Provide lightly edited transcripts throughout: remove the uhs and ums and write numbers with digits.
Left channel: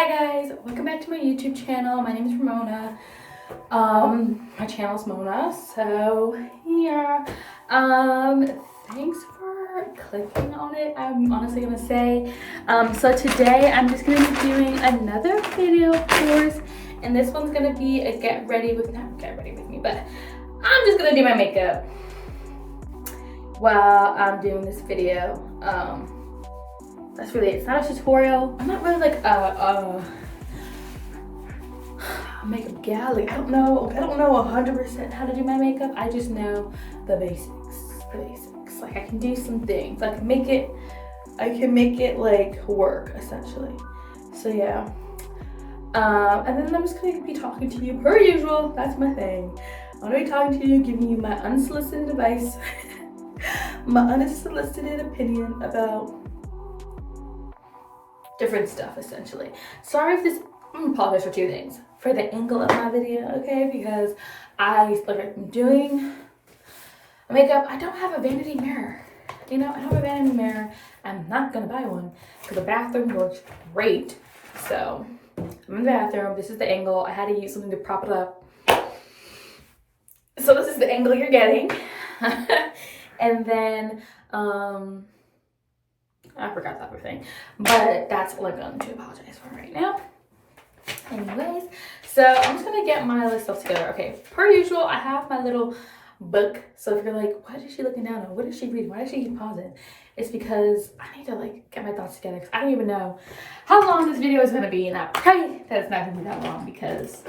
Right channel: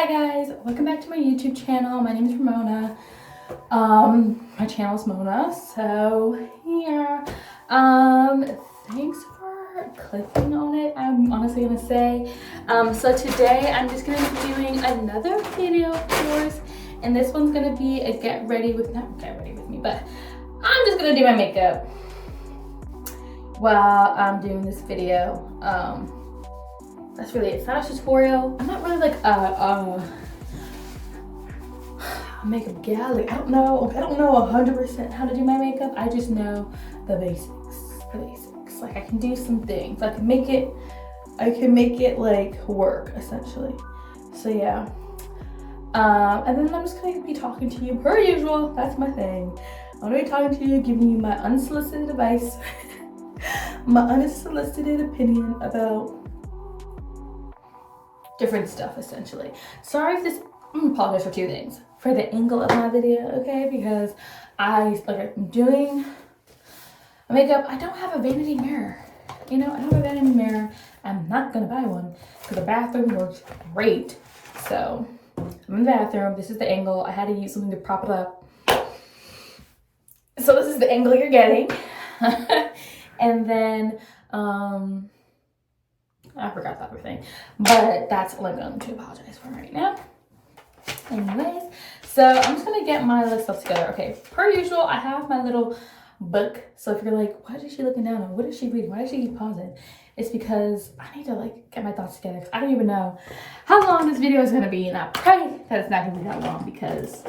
Hi guys, welcome back to my YouTube channel. My name is Ramona. My channel is Mona. So yeah. Thanks for clicking on it. I'm honestly gonna say. So today I'm just gonna be doing another video of course. And this one's gonna be a not get ready with me, but I'm just gonna do my makeup while I'm doing this video. That's really it. It's not a tutorial. I'm not really like a makeup gal. Like I don't know 100% how to do my makeup. I just know the basics. Like I can do some things. I can make it like work essentially. So yeah. And then I'm just gonna be talking to you per usual. That's my thing. I'm gonna be talking to you, giving you my unsolicited advice, my unsolicited opinion about different stuff essentially. Sorry if this, I'm gonna apologize for two things. For the angle of my video, okay? Because I'm doing makeup. I don't have a vanity mirror. You know, I don't have a vanity mirror. I'm not gonna buy one because the bathroom works great. So I'm in the bathroom. This is the angle. I had to use something to prop it up. So this is the angle you're getting. And then I forgot the other thing, but that's all I'm going to apologize for right now. Anyways, so I'm just gonna get my list stuff together. Okay, per usual, I have my little book. So if you're like, why is she looking down on? What is she reading? Why is she keep pausing? It's because I need to like get my thoughts together because I don't even know how long this video is gonna be, and I pray that it's not gonna be that long because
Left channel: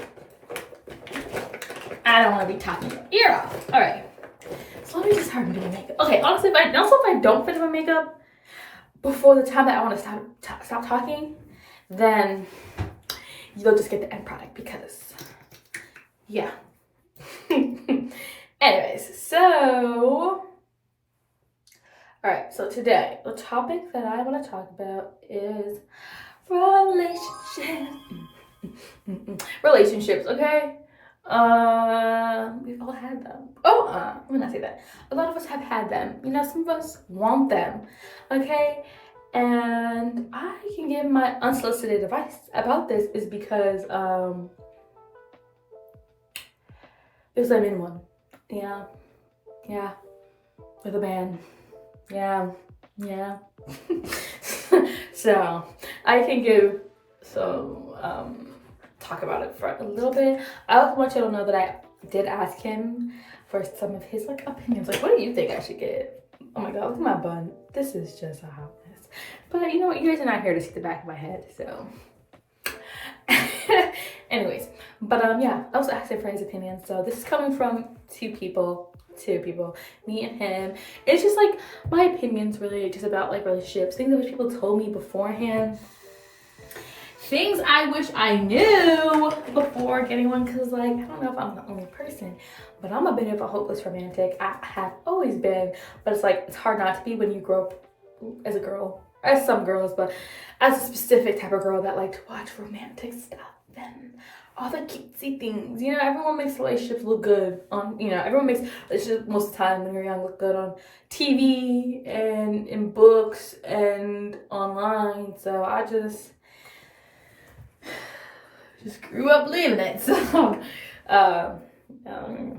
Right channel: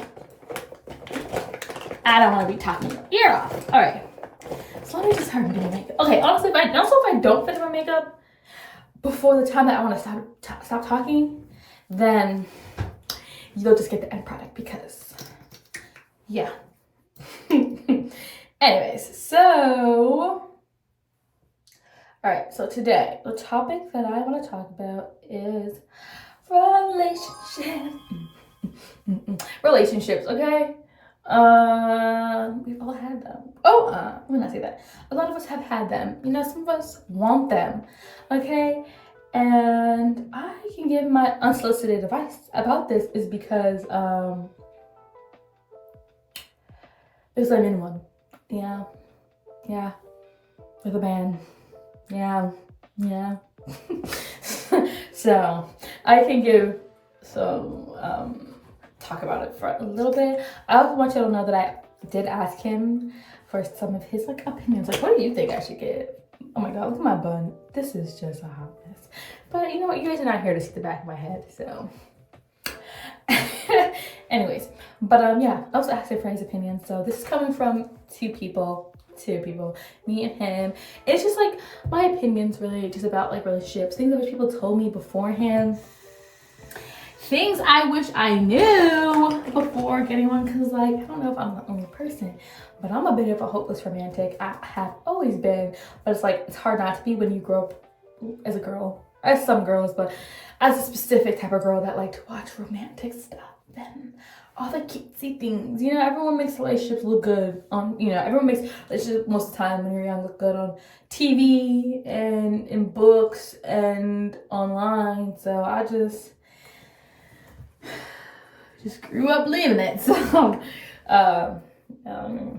I don't want to be talking your ear off. All right, so let me just start doing makeup. Okay, honestly, if I don't finish my makeup before the time that I want to stop talking, then you'll just get the end product because, yeah. Anyways, so, all right, so today, the topic that I want to talk about is relationships, okay? We've all had them. Let me not say that. A lot of us have had them. You know, some of us want them, okay? And I can give my unsolicited advice about this is because I'm in one. Yeah, with a man. Yeah. So I can give some talk about it for a little bit. I also want you to know that I did ask him for some of his like opinions. Like, what do you think I should get? Oh my god, look at my bun. This is just a hot mess. But you know what? You guys are not here to see the back of my head, so. Anyways, but yeah, I was asking for his opinion. So this is coming from two people, me and him. It's just like my opinions really just about like relationships, things that people told me beforehand. Things I wish I knew before getting one, because like, I don't know if I'm the only person, but I'm a bit of a hopeless romantic. I have always been, but it's like, it's hard not to be when you grow up as a girl, as some girls, but as a specific type of girl that like to watch romantic stuff and all the cutesy things. You know, everyone makes relationships look good on, you know, everyone makes relationships most of the time when you're young look good on TV and in books and online. So I just grew up believing it. So let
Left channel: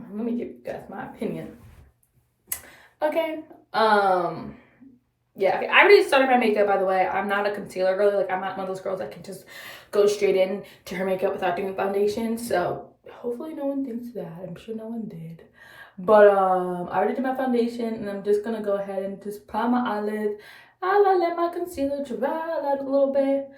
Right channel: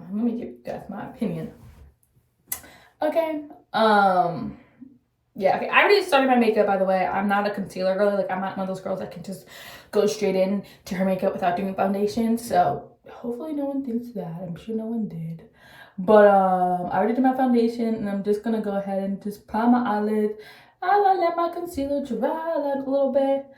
me give you guys my opinion. Okay. Yeah, okay. I already started my makeup, by the way. I'm not a concealer girl. Like, I'm not one of those girls that can just go straight in to her makeup without doing foundation. So hopefully no one thinks that. I'm sure no one did. But I already did my foundation, and I'm just gonna go ahead and just prime my eyelids. I'll let my concealer dry out a little bit.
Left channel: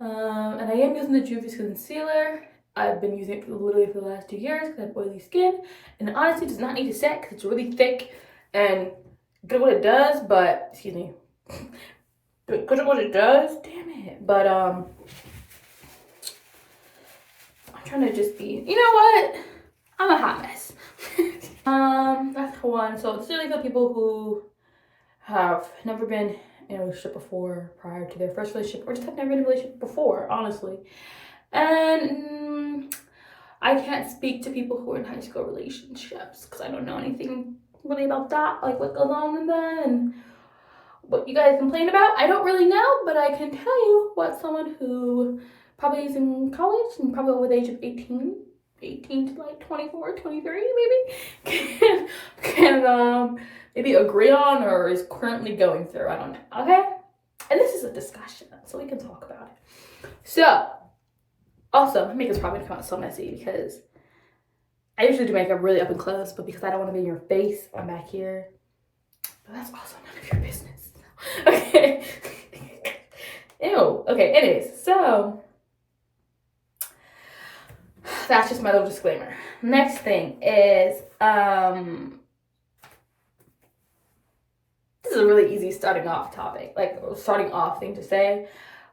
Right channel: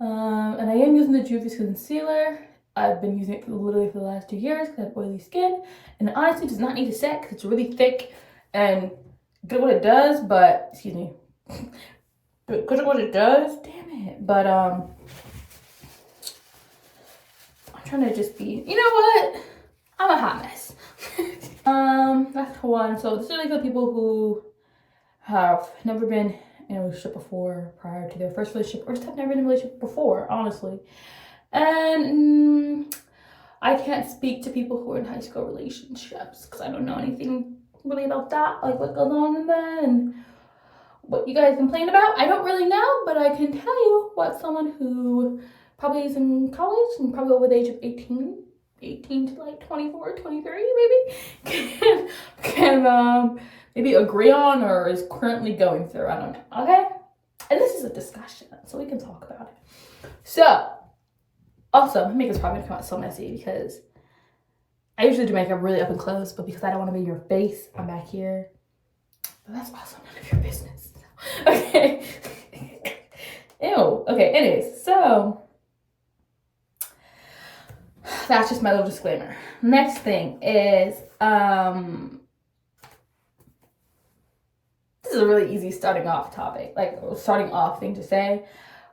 And I am using the Juvia's concealer. I've been using it literally for the last 2 years because I have oily skin, and it honestly does not need to set because it's really thick and good at what it does, but excuse me, good at what it does. Damn it! But I'm trying to just be. You know what? I'm a hot mess. That's one. So this is really for people who have never been in a relationship before prior to their first relationship, or just have never been in a relationship before, honestly. And I can't speak to people who are in high school relationships because I don't know anything really about that, like what goes on in that and what you guys complain about. I don't really know, but I can tell you what someone who probably is in college and probably over the age of 18 to like 24, 23 maybe, can maybe agree on or is currently going through. I don't know. Okay? And this is a discussion, so we can talk about it. So, also, my makeup's probably gonna come out so messy because I usually do makeup really up and close, but because I don't want to be in your face, I'm back here. But that's also none of your business. Okay. Ew. Okay, anyways, so that's just my little disclaimer. Next thing is, this is a really easy starting off thing to say,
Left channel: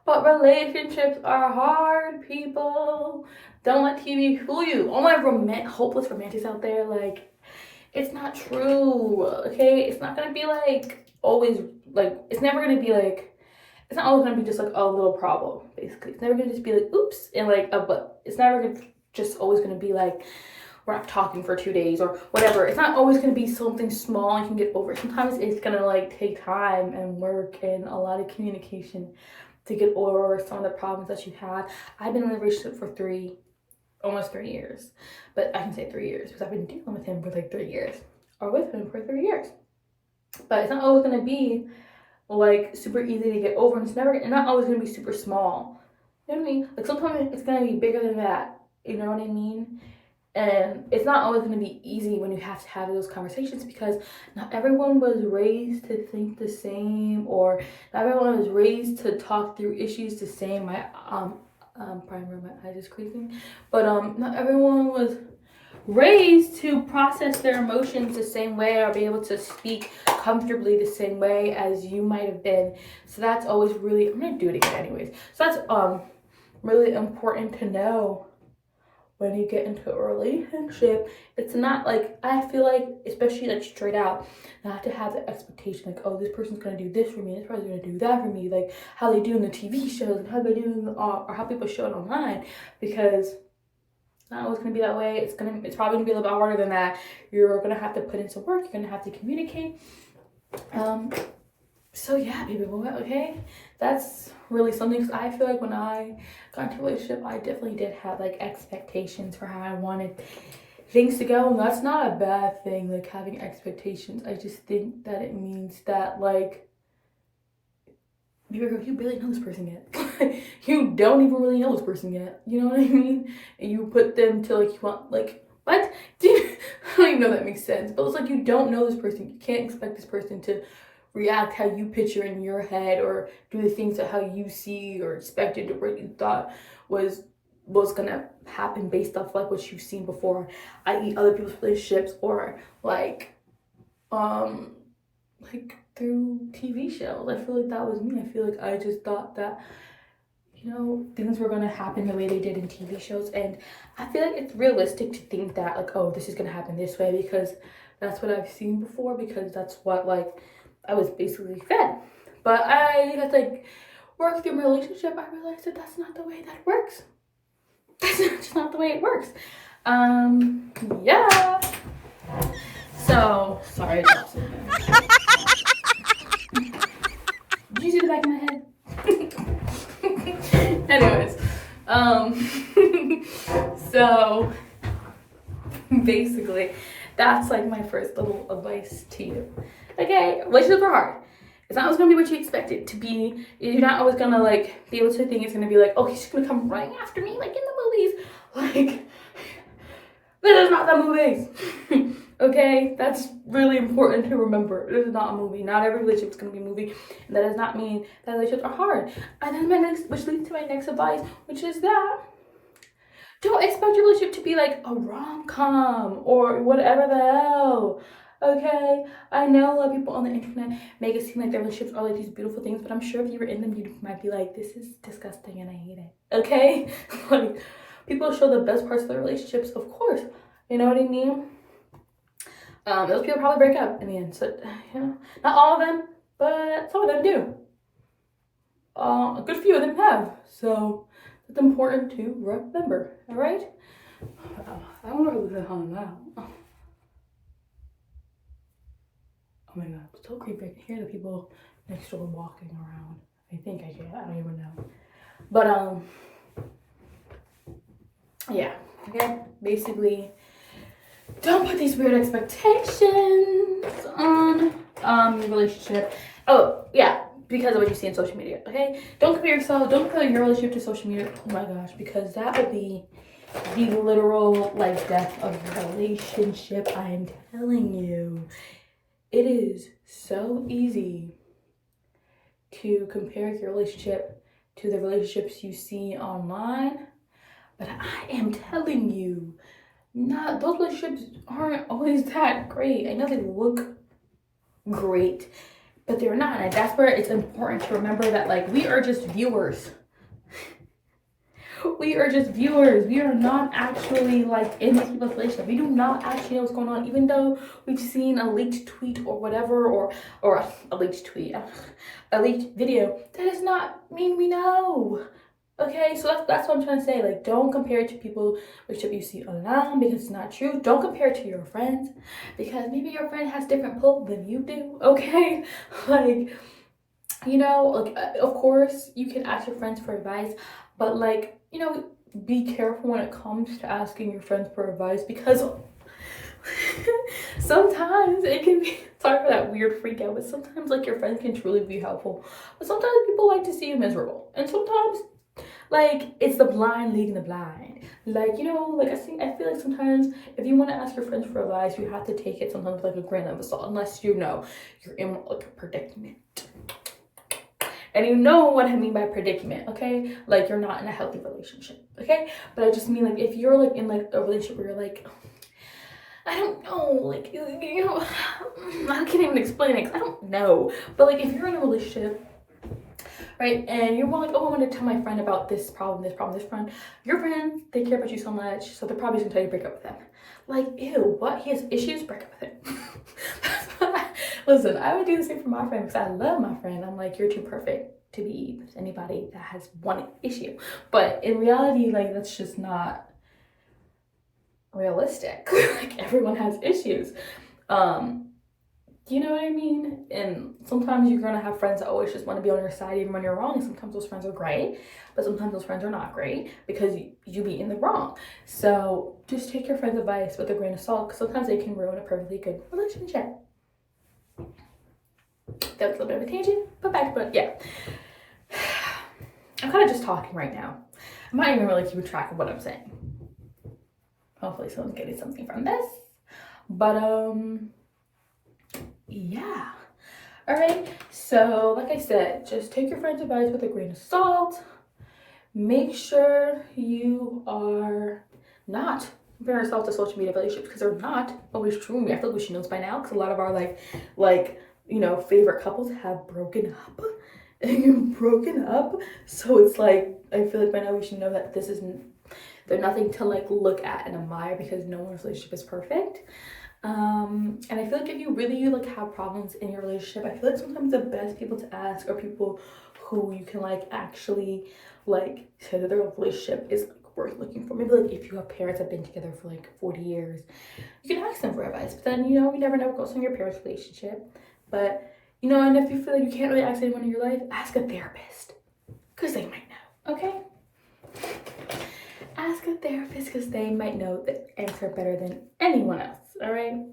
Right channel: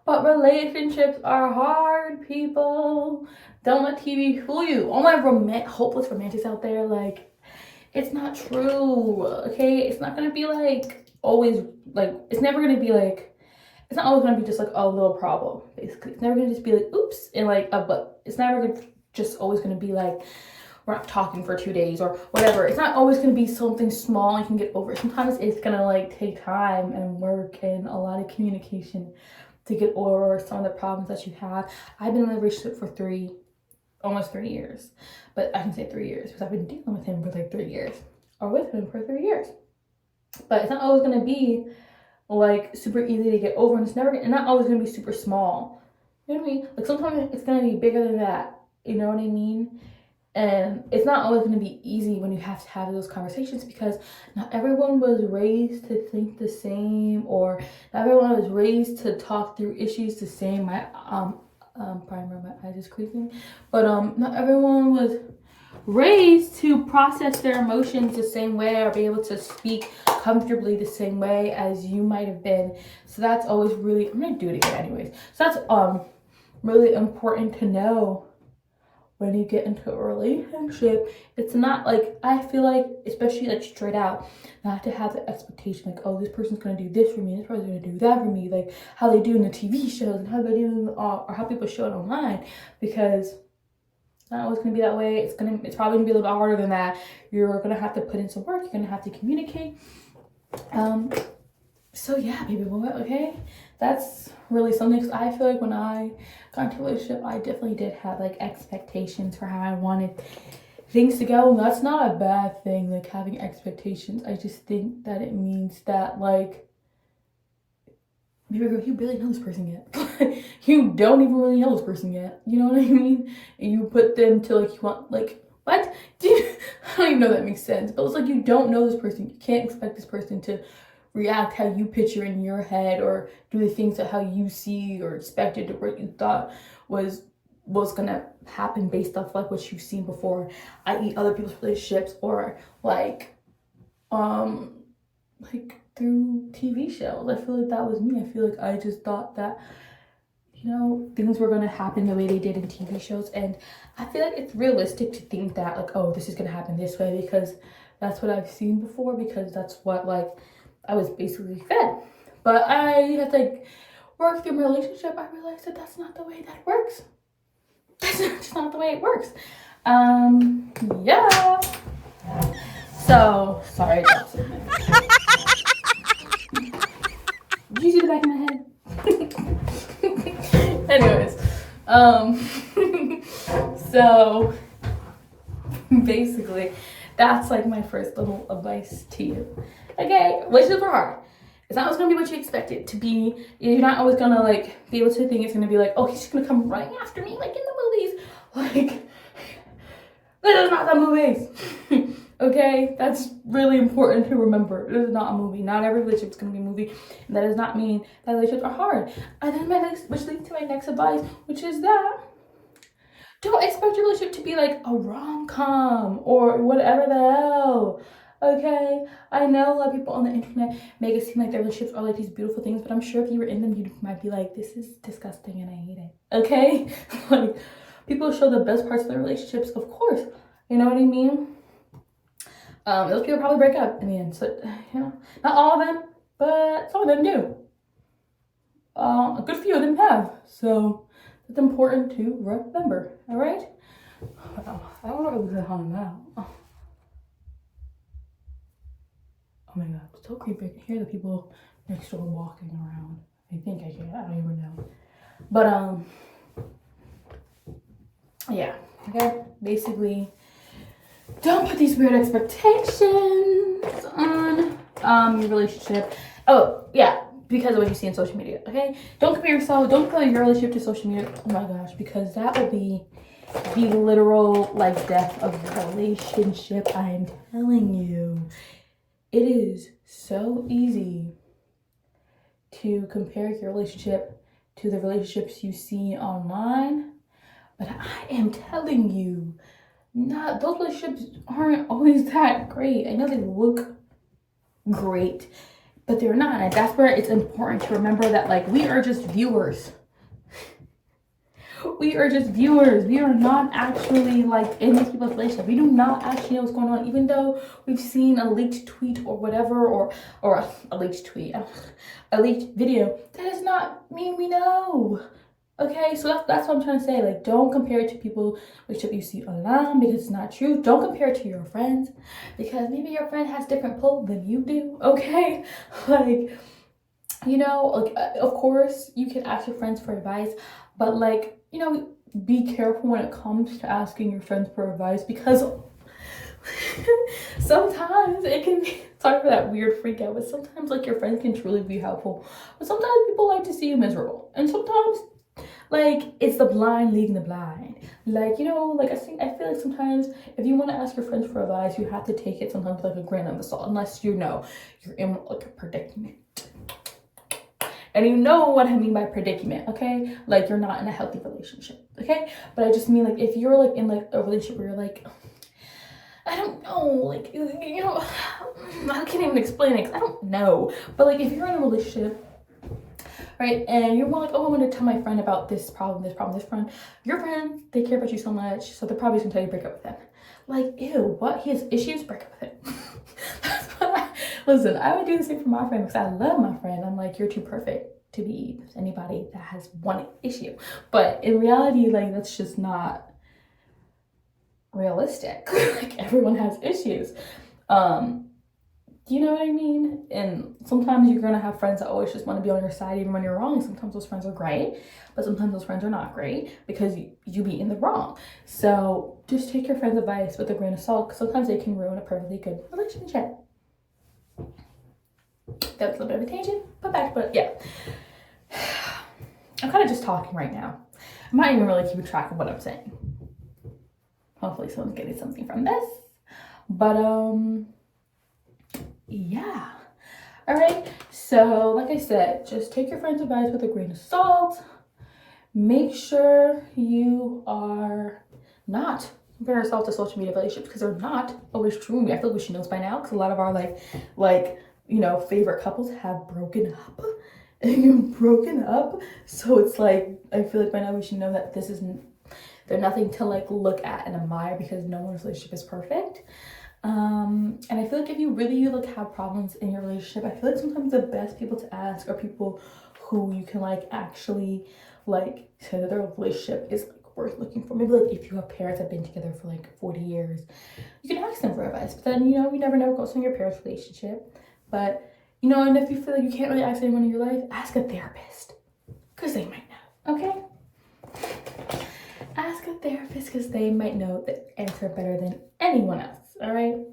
but relationships are hard, people. Don't let TV fool you. All my hopeless romantics out there, like, it's not true, okay? It's not gonna be like always, like, it's never gonna be like, it's not always gonna be just like a little problem, basically. It's never gonna just be like, oops, and like, but it's never gonna just always gonna be like, we're not talking for 2 days or whatever. It's not always gonna be something small you can get over. Sometimes it's gonna like take time and work and a lot of communication to get over some of the problems that you have. I've been in a relationship for almost 3 years, but I can say 3 years because I've been dealing with him for like 3 years, or with him for 3 years. But it's not always gonna be like super easy to get over, and it's not always gonna be super small. You know what I mean? Like sometimes it's gonna be bigger than that. You know what I mean? And it's not always going to be easy when you have to have those conversations because not everyone was raised to think the same, or not everyone was raised to talk through issues the same. My primer, my eyes is creasing, but not everyone was raised to process their emotions the same way or be able to speak comfortably the same way as you might have been. So that's always really, I'm gonna do it again anyways. So that's really important to know when you get into a relationship. It's not like, I feel like, especially like straight out, not to have the expectation like, oh, this person's gonna do this for me, this person's gonna do that for me, like how they do in the TV shows and how they do or how people show it online, because it's not always gonna be that way. It's probably gonna be a little bit harder than that. You're gonna have to put in some work. You're gonna have to communicate. So yeah, people, okay, that's really something. Because I feel like when I got into a relationship, I definitely did have like expectations for how I wanted things to go, and that's not a bad thing, like having expectations. I just think that it means that like you barely know this person yet. You don't even really know this person yet, you know what I mean? And you put them to like, you want like, what? I don't even know if that makes sense, but it's like you don't know this person. You can't expect this person to react how you picture in your head or do the things that how you see or expected to what you thought was gonna happen based off like what you've seen before, i.e. other people's relationships, or like through TV shows. I feel like that was me. I feel like I just thought that, you know, things were gonna happen the way they did in TV shows, and I feel like it's realistic to think that like, oh, this is gonna happen this way because that's what I've seen before, because that's what like I was basically fed. But I had to like work through my relationship. I realized that that's not the way that works. That's just not the way it works. Yeah. So sorry. Did you see the back of my head? Anyways, so basically, that's like my first little advice to you. Okay, relationships are hard. It's not always gonna be what you expect it to be. You're not always gonna like be able to think it's gonna be like, oh, he's gonna come running after me like in the movies. Like, this is not the movies. Okay, that's really important to remember. It is not a movie. Not every relationship is gonna be a movie, and that does not mean that relationships are hard. And then which leads to my next advice, which is that don't expect your relationship to be like a rom-com or whatever the hell. Okay, I know a lot of people on the internet make it seem like their relationships are like these beautiful things, but I'm sure if you were in them, you might be like, this is disgusting and I hate it. Okay, like people show the best parts of their relationships, of course. You know what I mean? Those people probably break up in the end. So, you know, not all of them, but some of them do. A good few of them have. So it's important to remember. All right. I don't know if we can hum now. Oh my god, it's so creepy. I can hear the people next door walking around. I think I can. I don't even know. But yeah, okay, basically, don't put these weird expectations on your relationship. Oh yeah, because of what you see on social media. Okay, don't compare yourself. Don't compare your relationship to social media. Oh my gosh, because that will be the literal life death of your relationship. I am telling you, it is so easy to compare your relationship to the relationships you see online, but I am telling you, not those relationships aren't always that great. I know they look great, but they're not. And that's where it's important to remember that, like, we are just viewers. We are just viewers. We are not actually like in these people's relationship. We do not actually know what's going on, even though we've seen a leaked tweet or whatever, or a leaked tweet, a leaked video. That does not mean we know. Okay, so that's what I'm trying to say. Like, don't compare it to people which you see online, because it's not true. Don't compare it to your friends, because maybe your friend has different pull than you do. Okay, like, you know, like, of course you can ask your friends for advice, but like, you know, be careful when it comes to asking your friends for advice, because sometimes it can be, sorry for that weird freak out, but sometimes like your friends can truly be helpful, but sometimes people like to see you miserable, and sometimes like it's the blind leading the blind. Like, you know, like I feel like sometimes if you want to ask your friends for advice, you have to take it sometimes like a grain of salt, unless you know you're in like a predicament. And you know what I mean by predicament, okay? Like, you're not in a healthy relationship, okay? But I just mean, like, if you're like in like a relationship where you're like, I don't know, like, you know, I can't even explain it, 'cause I don't know. But like, if you're in a relationship, right, and you're more like, oh, I want to tell my friend about this problem, your friends, they care about you so much, so they're probably just gonna tell you to break up with them. Like, ew, what? He has issues? Break up with him. Listen, I would do the same for my friend, because I love my friend. I'm like, you're too perfect to be with anybody that has one issue. But in reality, like, that's just not realistic. Like, everyone has issues. You know what I mean? And sometimes you're gonna have friends that always just want to be on your side even when you're wrong. And sometimes those friends are great, but sometimes those friends are not great because you be in the wrong. So just take your friend's advice with a grain of salt, because sometimes they can ruin a perfectly good relationship. That was a little bit of a tangent, but yeah. I'm kind of just talking right now. I'm not even really keeping track of what I'm saying. Hopefully someone's getting something from this. But yeah. All right, so like I said, just take your friend's advice with a grain of salt. Make sure you are not comparing yourself to social media relationships, because they're not always true. I feel like we should know this by now, because a lot of our like you know, favorite couples have broken up. So it's like, I feel like by now we should know that they're nothing to like look at and admire, because no one's relationship is perfect. And I feel like if you really like have problems in your relationship, I feel like sometimes the best people to ask are people who you can like actually like say that their relationship is like worth looking for. Maybe like if you have parents that have been together for like 40 years, you can ask them for advice. But then, you know, you never know what goes on in your parents' relationship. But, you know, and if you feel like you can't really ask anyone in your life, ask a therapist, because they might know, okay? Ask a therapist, because they might know the answer better than anyone else, all right?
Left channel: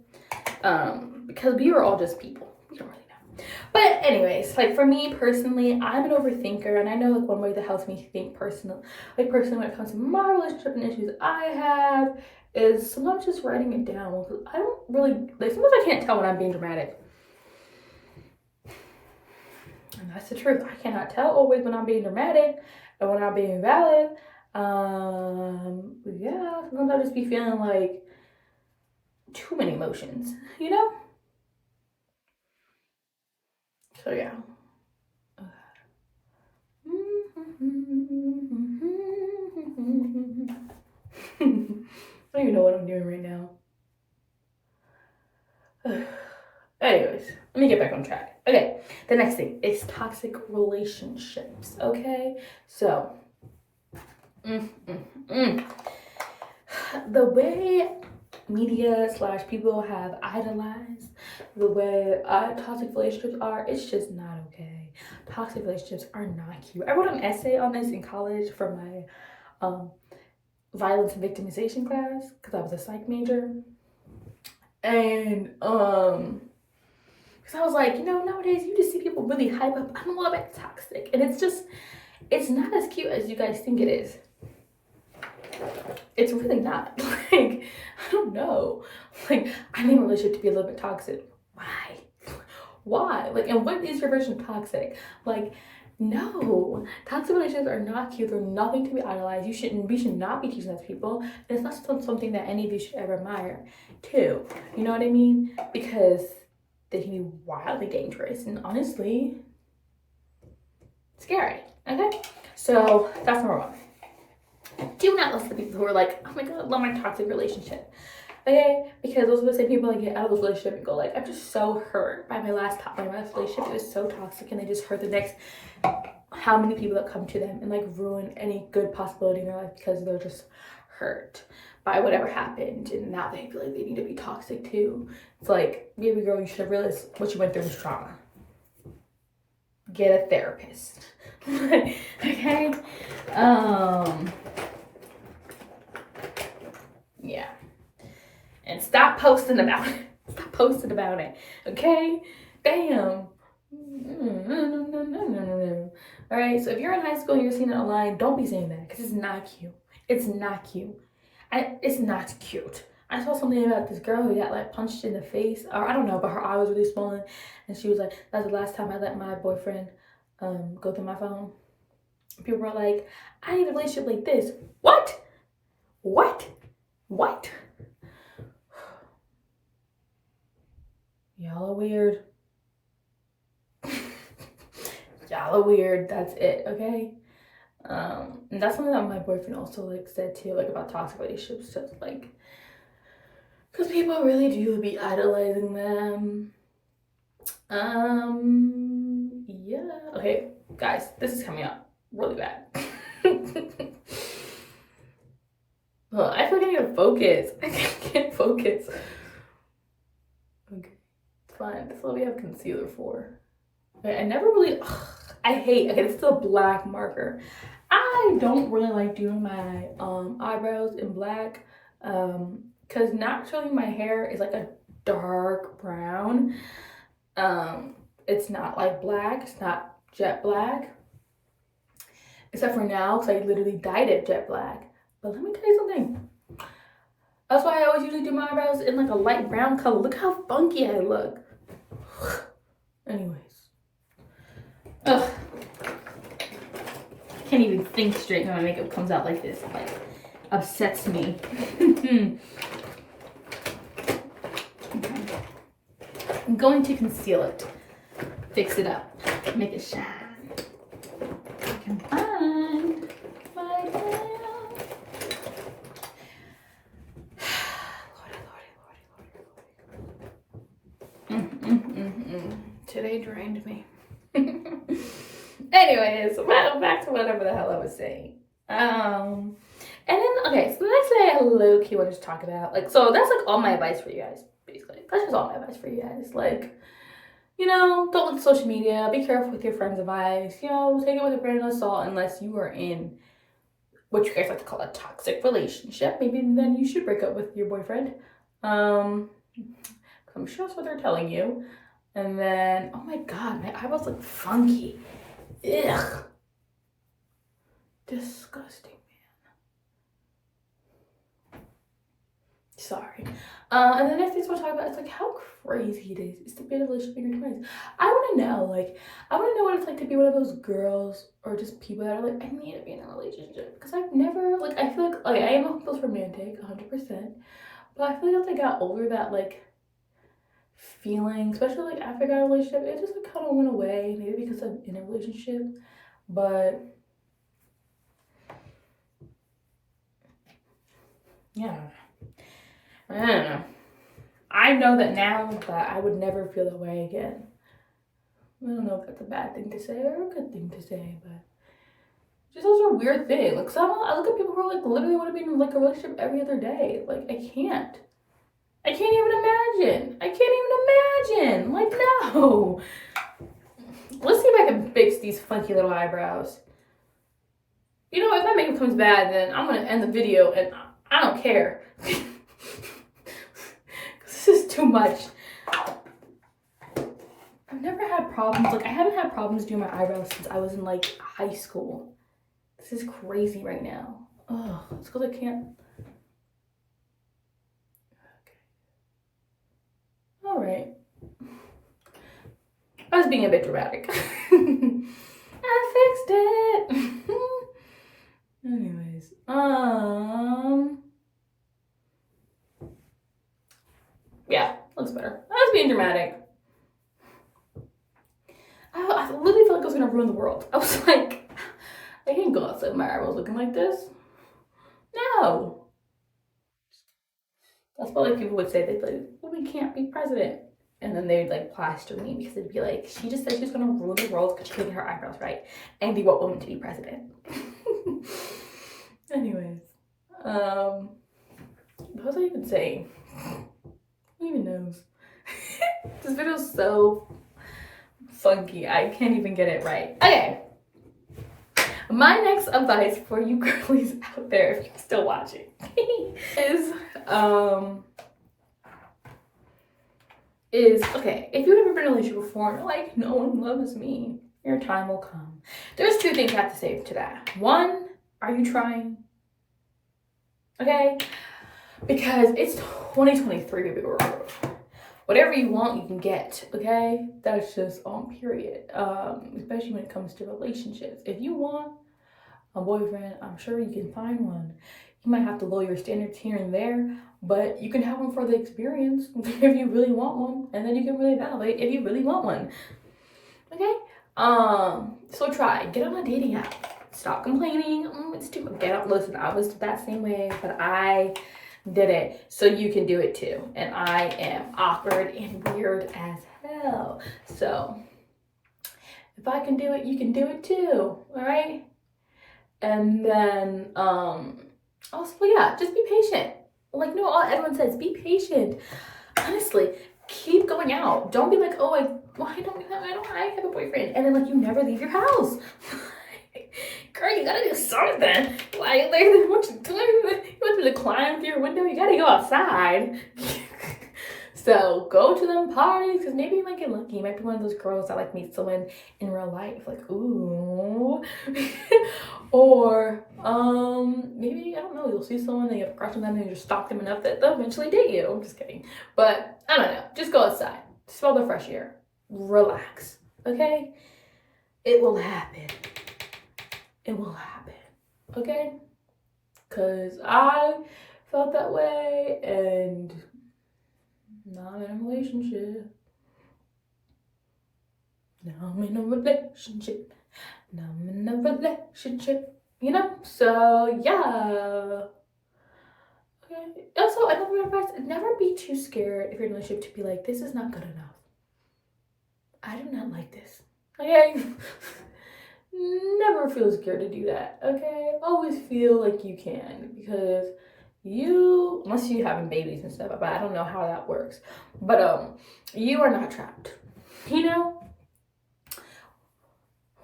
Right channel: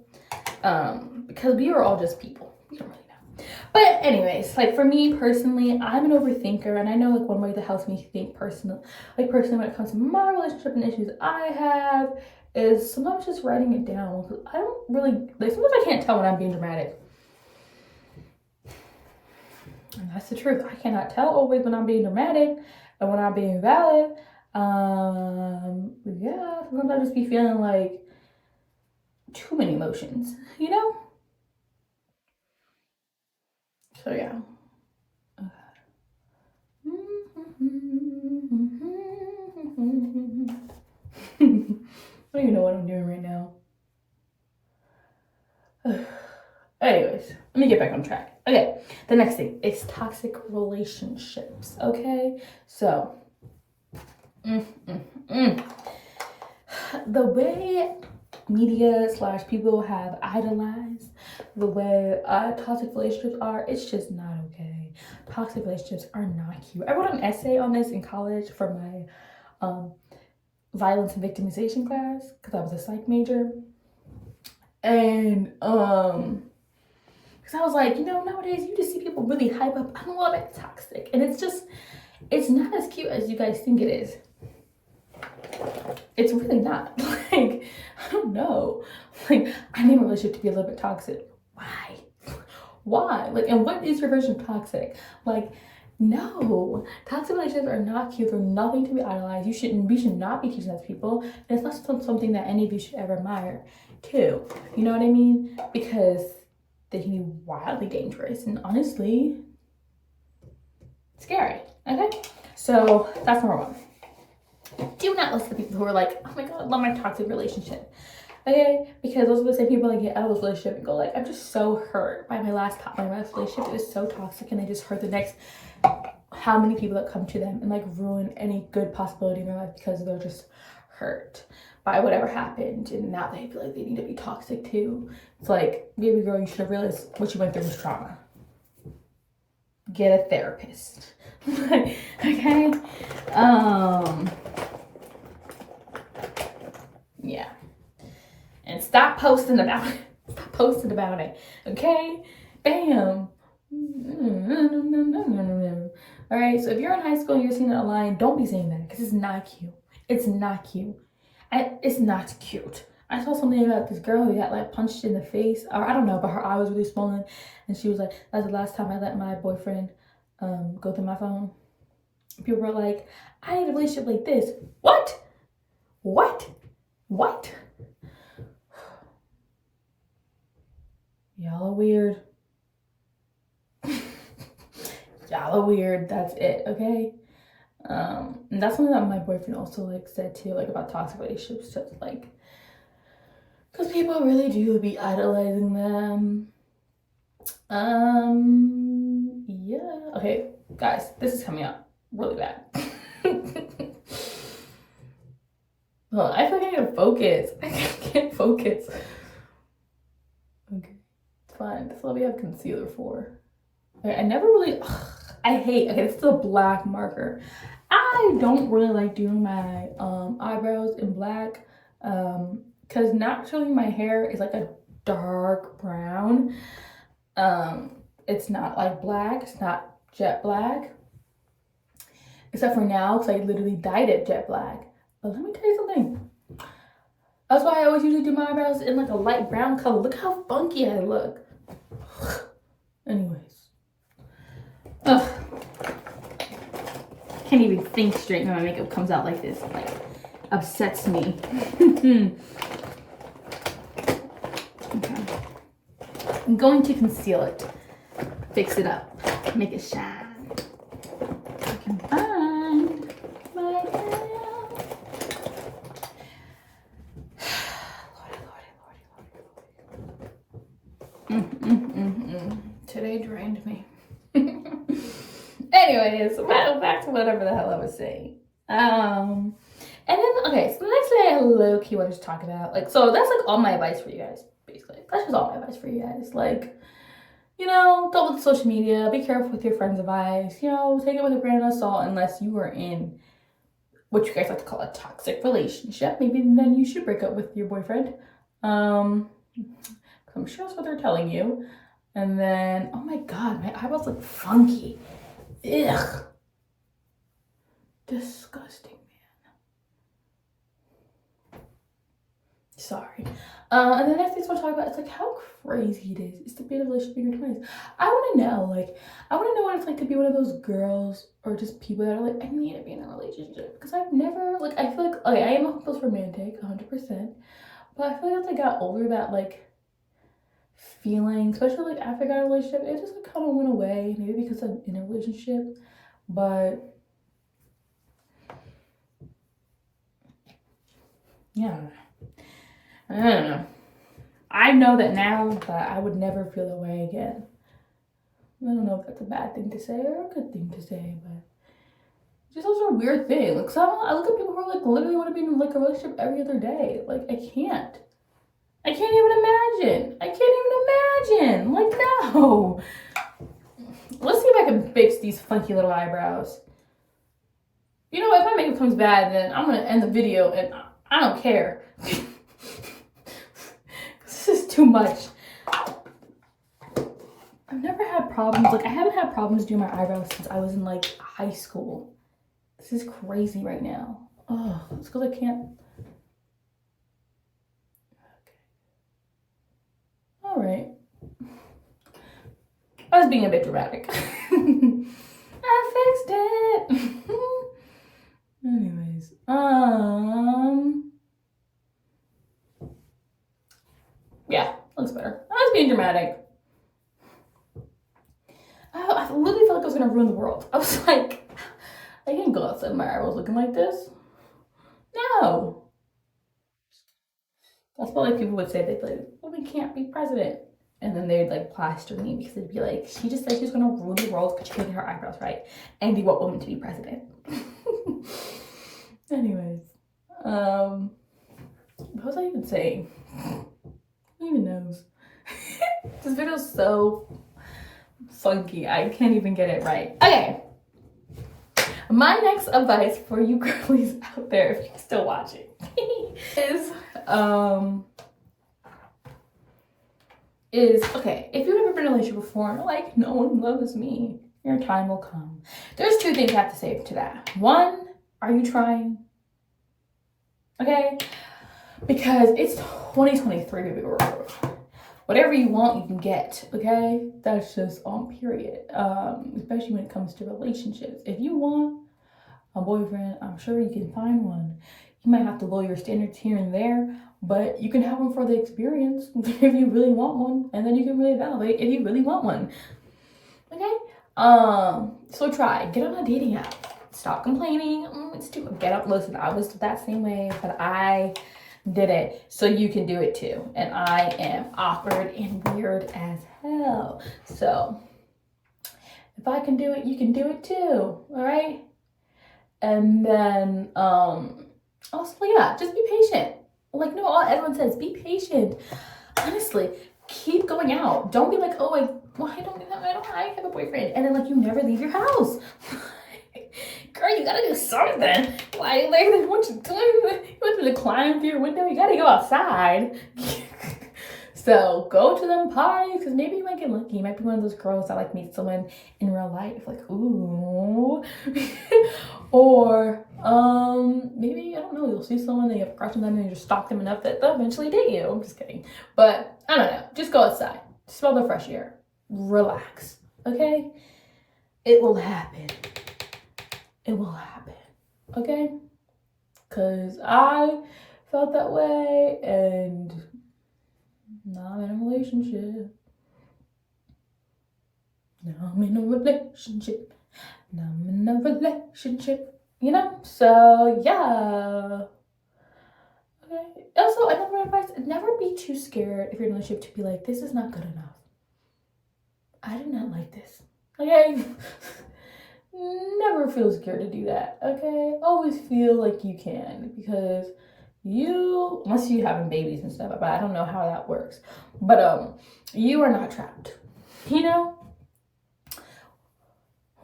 Because we are all just people. We don't really know. But anyways, like for me personally, I'm an overthinker, and I know like one way that helps me think personally when it comes to my relationship and issues I have is sometimes just writing it down. I don't really, like, sometimes I can't tell when I'm being dramatic. And that's the truth. I cannot tell always when I'm being dramatic and when I'm being valid. Yeah, sometimes I just be feeling like too many emotions, you know? So yeah. I don't even know what I'm doing right now. Anyways, let me get back on track. Okay, the next thing is toxic relationships. Okay, so the way media / people have idolized the way toxic relationships are, it's just not okay. Toxic relationships are not cute. I wrote an essay on this in college for my violence and victimization class because I was a psych major. And because I was like, you know, nowadays you just see people really hype up, I'm a little bit toxic. And it's not as cute as you guys think it is. It's really not. Like, I don't know. Like, I need a relationship to be a little bit toxic. Why? Why? Like, and what is your version of toxic? Like, no, toxic relationships are not cute. They're nothing to be idolized. We should not be teaching that to people. And it's not something that any of you should ever admire, too. You know what I mean? Because they can be wildly dangerous and honestly scary. Okay? So that's number one. Do not listen to people who are like, oh my god, I love my toxic relationship. Okay? Because those are the same people that get out of this relationship and go like, I'm just so hurt by my last relationship. It was so toxic and they just hurt the next how many people that come to them and like ruin any good possibility in their life because they're just hurt by whatever happened and now they feel like they need to be toxic too. It's like, baby girl, you should have realized what you went through was trauma. Get a therapist. Okay? Yeah. And stop posting about it. Stop posting about it. Okay? Bam. All right, so if you're in high school and you're seeing it online, don't be saying that because it's not cute. It's not cute. It's not cute. I saw something about this girl who got like punched in the face, or I don't know, but her eye was really swollen, and she was like, "That's the last time I let my boyfriend go through my phone." People were like, "I need a relationship like this." What? Y'all are weird. Y'all are weird. That's it. Okay. And that's something that my boyfriend also like said too, like about toxic relationships, just like, because people really do be idolizing them. Yeah. Okay, guys, this is coming out really bad. Well, I feel like I need to focus. I can't focus. Okay, it's fine. That's what we have concealer for. Okay, I never really. I hate. Okay, this is a black marker. I don't really like doing my eyebrows in black because naturally my hair is like a dark brown. It's not like black. It's not jet black. Except for now because I literally dyed it jet black. But let me tell you something. That's why I always usually do my eyebrows in like a light brown color. Look how funky I look. Anyways. Ugh. Can't even think straight when my makeup comes out like this. Like, upsets me. Okay. I'm going to conceal it. Fix it up. Make it shine. I can find my Lordy. Today drained me. Anyways, back to whatever the hell I was saying. And then, okay, so the next thing I low-key wanted to talk about, like, so that's, like, all my advice for you guys, basically. That's just all my advice for you guys. Like, you know, don't look at social media. Be careful with your friends' advice. You know, take it with a grain of salt unless you are in what you guys like to call a toxic relationship. Maybe then you should break up with your boyfriend. I'm sure that's what they're telling you. And then, oh my god, my eyebrows look funky. Ugh. Disgusting, man. Sorry. And the next thing I want to talk about is like how crazy it is to be in a relationship in your 20s. I want to know, what it's like to be one of those girls or just people that are like, I need to be in a relationship. Because I've never, like, I feel like, okay, I am a hopeless romantic, 100%. But I feel like as I got older, that, like, feeling, especially like after I got a relationship, it just like kind of went away. Maybe because I'm in a relationship, but yeah, I don't know. I know that now that I would never feel that way again. I don't know if that's a bad thing to say or a good thing to say, but just those are weird things. Like I look at people who are like literally want to be in like a relationship every other day. Like I can't even imagine. Like, no. Let's see if I can fix these funky little eyebrows. You know, if my makeup comes bad, then I'm gonna end the video and I don't care. This is too much. I've never had problems. Like, I haven't had problems doing my eyebrows since I was in like high school. This is crazy right now. Oh, it's because I can't. Okay. All right. I was being a bit dramatic. I fixed it. Anyways, yeah, looks better. I was being dramatic. I literally felt like I was gonna ruin the world. I was like, I can't go outside my eyebrows looking like this. No. That's what like people would say. They'd be like, well, we can't be president. And then they'd like plaster me because they'd be like, she just said she was gonna ruin the world because she couldn't get her eyebrows right. And they want women to be president. Anyways, what was I even saying? Who even knows? This video's so funky. I can't even get it right. Okay. My next advice for you girlies out there, if you're still watching, is okay, if you've never been in a relationship before and like, no one loves me, your time will come. There's two things I have to say to that. One, are you trying? Okay? Because it's 2023, baby girl. Whatever you want, you can get, okay? That's just on period. Especially when it comes to relationships. If you want a boyfriend, I'm sure you can find one. You might have to lower your standards here and there, but you can have one for the experience if you really want one, and then you can really validate if you really want one. Okay? So try. Get on a dating app. Stop complaining. It's too much. Get up. Listen, I was that same way, but I did it, so you can do it too. And I am awkward and weird as hell. So if I can do it, you can do it too. All right. And then also, yeah, just be patient. Like, no, all everyone says, be patient. Honestly, keep going out. Don't be like, oh, I have a boyfriend, and then like you never leave your house. Girl, you gotta do something. Like, what you doing? You want me to climb through your window? You gotta go outside. So go to them parties, because maybe you might get lucky. You might be one of those girls that like meet someone in real life, like, ooh. Or maybe, I don't know, you'll see someone and you have a crush on them and you just stalk them enough that they'll eventually date you. I'm just kidding. But I don't know. Just go outside. Smell the fresh air. Relax. Okay? It will happen. It will happen. Okay? Because I felt that way, and now I'm in a relationship. You know? So, yeah. Okay. Also, another advice, never be too scared if you're in a relationship to be like, this is not good enough. I do not like this. Okay? Never feel scared to do that. Okay? Always feel like you can, because you, unless you having babies and stuff, but I don't know how that works. But you are not trapped. You know?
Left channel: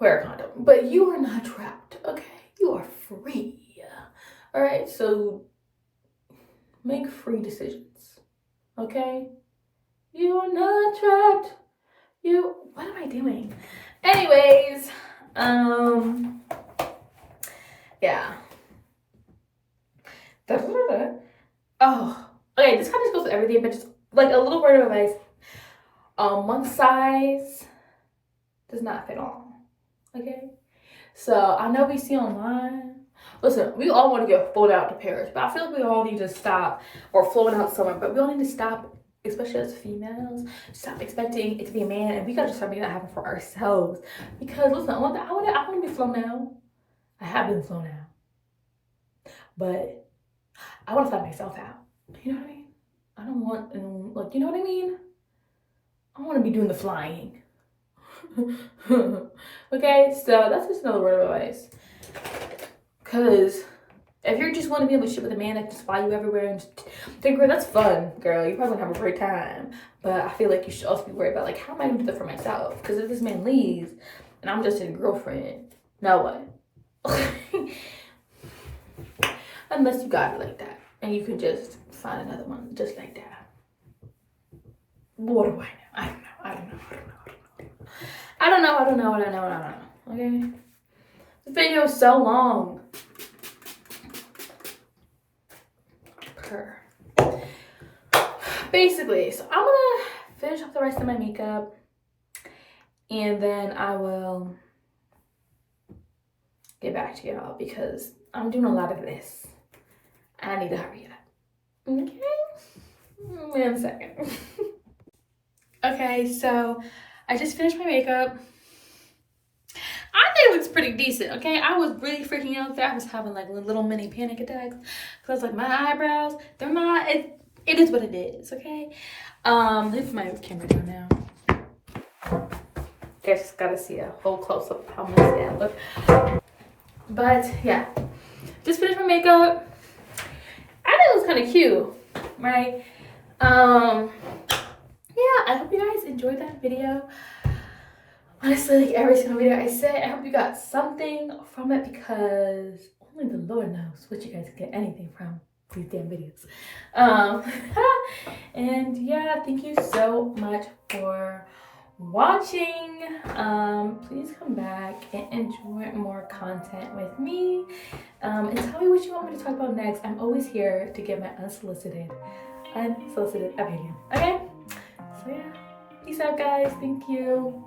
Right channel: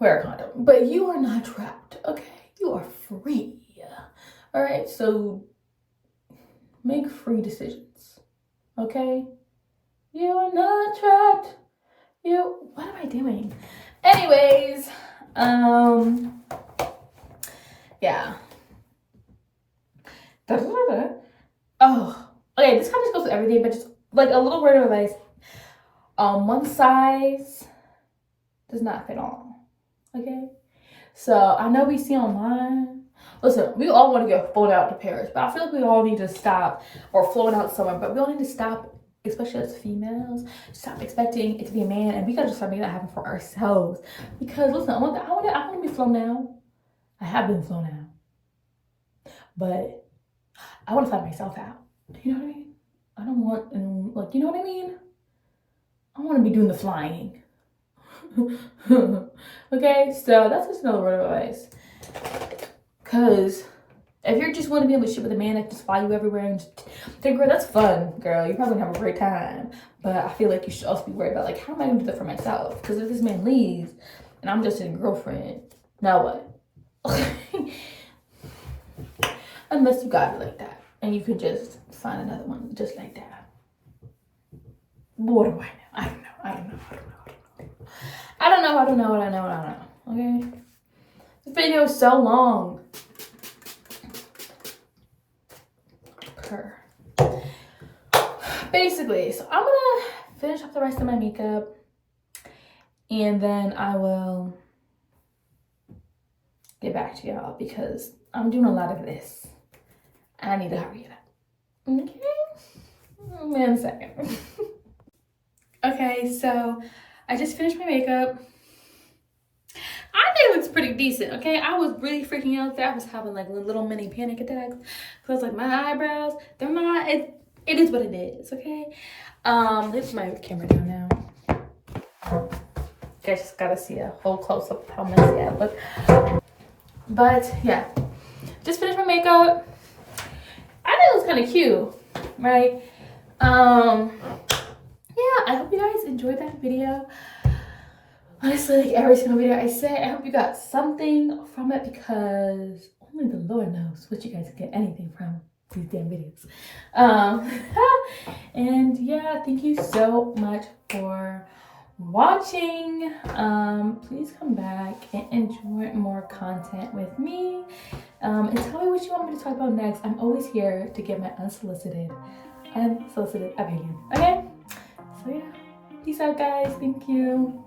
Wear a condom. But you are not trapped. Okay? You are free. Alright? So make free decisions. Okay? You are not trapped. What am I doing? Anyways, yeah. Oh, okay, this kind of just goes with everything, but just like a little word of advice. One size does not fit all. Okay? So I know we see online. Listen, we all want to get flown out to Paris, but I feel like we all need to stop, or flown out somewhere, but we all need to stop, especially as females, stop expecting it to be a man, and we gotta start making that happen for ourselves. Because listen, I want to be flown out. I have been flown out, but I want to fly myself out. You know what I mean? I don't want, like, you know what I mean? I want to be doing the flying. Okay, so that's just another word of advice. Because if you just want to be able to ship with a man that can fly you everywhere and just think, girl, that's fun, girl. You probably have a great time. But I feel like you should also be worried about, like, how am I going to do that for myself? Because if this man leaves and I'm just his girlfriend, now what? Unless you got it like that. And you could just find another one just like that. What do I know? I don't know. Okay? The video is so long. Basically, so I'm gonna finish up the rest of my makeup and then I will get back to y'all because I'm doing a lot of this and I need to hurry it up. Okay? 1 second. Okay, so I just finished my makeup. I think it looks pretty decent, okay? I was really freaking out there. I was having like little mini panic attacks because I was like, my eyebrows, they're not, it is what it is, okay? This is my camera down now. You guys just gotta see a whole close up of how messy I look. But yeah, just finished my makeup. I think it was kind of cute, right? Yeah, I hope you guys enjoyed that video. Honestly, like every single video I say, I hope you got something from it because only the Lord knows what you guys can get anything from these damn videos. And yeah, thank you so much for watching. Please come back and enjoy more content with me. And tell me what you want me to talk about next. I'm always here to give my unsolicited opinion. Okay? So yeah, peace out guys. Thank you.